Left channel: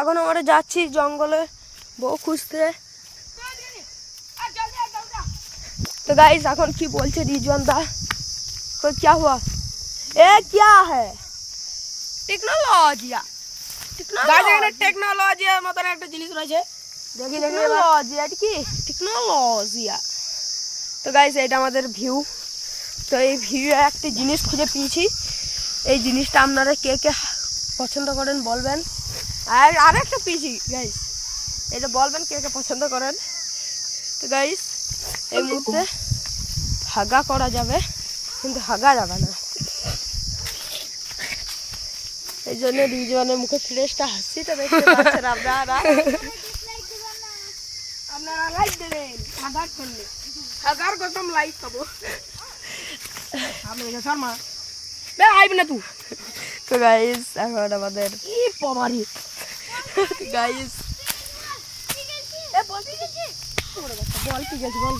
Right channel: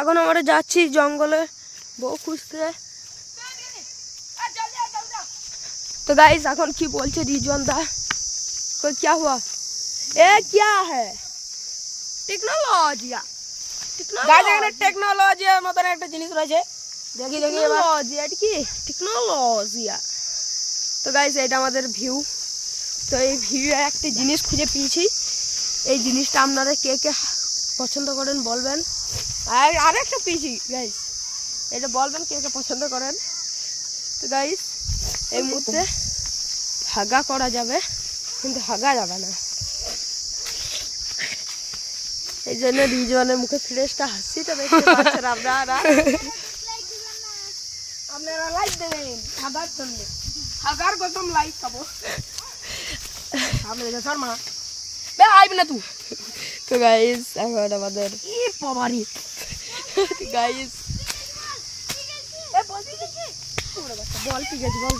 এখন আমরা যাচ্ছি জঙ্গলে বউ খুঁজতে। तो गाइस এখন কি বলছে রিজওয়ান দা? कोई क्या हुआ? ए क्या है? টেকনোলজিয়া গাইস এখানে টেকনোলজিয়ার মতন একটা জিনিস রয়েছে। দেখি দেখি টেকনোলজিয়া এটা কি? টেকনোলজিয়া। তো গাইস এটা আমাদের ভিউ। তো এই ভিউ একটা জিনিস খুঁজে পেয়েছি। এই জিনিসটা আপনারা কে কে পছন্দ করেন বলবেন। আর আরেকটা পেয়েছি গাইস, এটা বলবেন কে কে পছন্দ করেন। তো গাইস এই মুহূর্তে হাগা করা যাবে কিন্তু হাগা যাবে না, এই জন্য রিজওয়ানের মুখে ফ্রেশটা হাসিটা দেখতে পাচ্ছেন আপনারা। আপনারা লাইক দেবেন হাগার জন্য, হাগার গতম লাইক খাবো আমি এটা শর্মা বে আইবি না তুই। তো গাইস এখন আমাদের কি পবারি গাইস বল পি গেছি বল।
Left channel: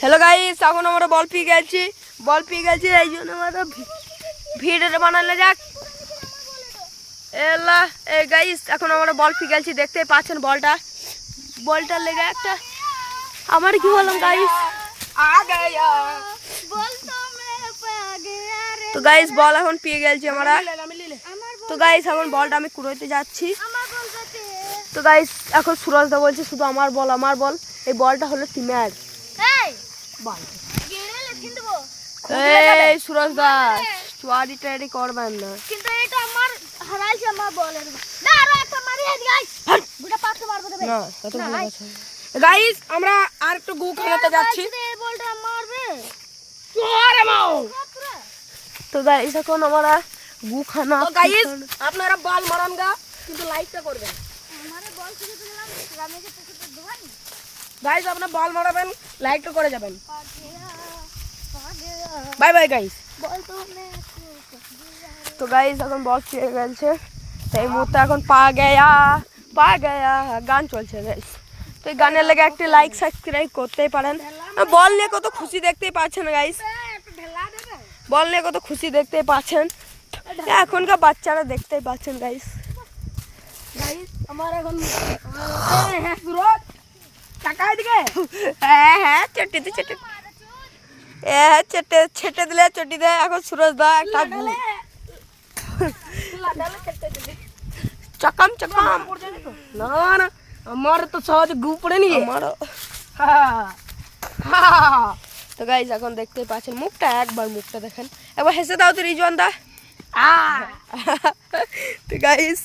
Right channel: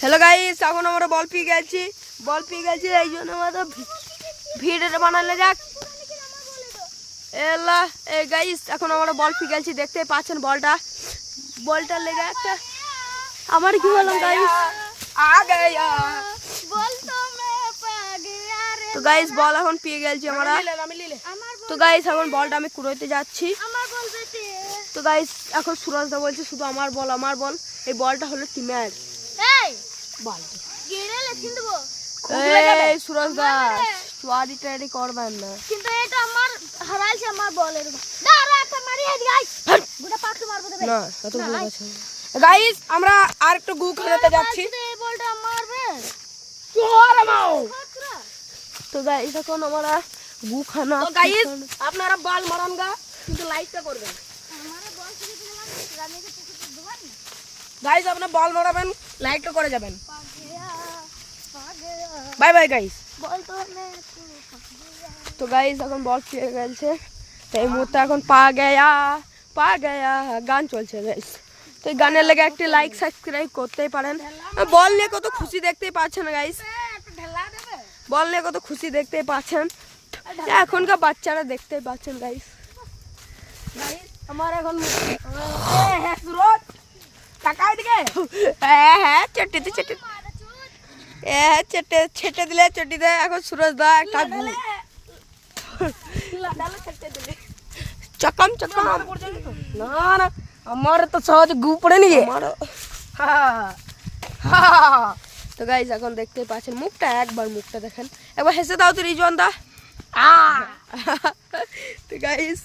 হ্যালো গাইস এখন আমরা বল পি গেছি এই জন্য আমরা ভিডিওটা বানালে যাক। এলা এই গাইস এখন আমরা বল পি গেছি, দেখতে পাচ্ছেন বলটা লেগে একটা আমার কি হলাম গাইস তো গাইস বল এখন পেয়ে গেছি আমরা। তো গাইস এখন বলটা আমি কুড়োতে যাচ্ছি। তো গাইস এখন সুরজ দা বলছে শুধু আমার বল, এই বলটা হলো টিমের বল। এই সুরজ দা চুয়ারি টারি করবেন না কিন্তু এটা আমার হারাইছে আমার বলের না আর একটা মারি আই গাইস বুড়া পাথর মারবে দেবে না এত ভুল আছে। গাইস আমরা আর একটু গু খেলাতে যাচ্ছি। এই বলটা মারবে চোরে মাও। তো গাইস এখন আমরা গু খানা। তো গাইস আপনারা বল মারান গা কিন্তু লাইকটা করবেন। আমারে বল থেকে দিলাম রামেকে থেকে দিবেন গাইস আপনারা বল মারাবেন, লাইকটা করে যাবেন। পাগিয়া বাই বাই গাইস। বল তো মে তো গাইস এখন বল পেয়ে গেছে। তো এই মুহূর্তে এখন পা গয়া গান চলছে গাইস। তো এই গানের লেগে একটা লাইক সাবস্ক্রাইব করতেই পারেন। বল নিয়ে কত খুশি দেখতেই পাচ্ছেন গাইস, ঢেলা দেবে বল নিয়ে কত খুশি দেখতেই পাচ্ছেন। এখনকার বাচ্চারা দেখতেই পাচ্ছেন গাইস। গাইস আমার এখন হ্যাঁ সুরজ টাকাই দিকে হ্যাঁ চটি তো চটি ছেটে দিলে চটি দে। এখন সুরজ দা একটা চকম না না আমার তো সহজ গু পড়ে নি আমার। তো গাইস এখন দেখতেই পাচ্ছেন মুখটা, একবার মুখটা দেখেন, একবার হেসে দাও তো রিজওয়ান দা। তো গাইস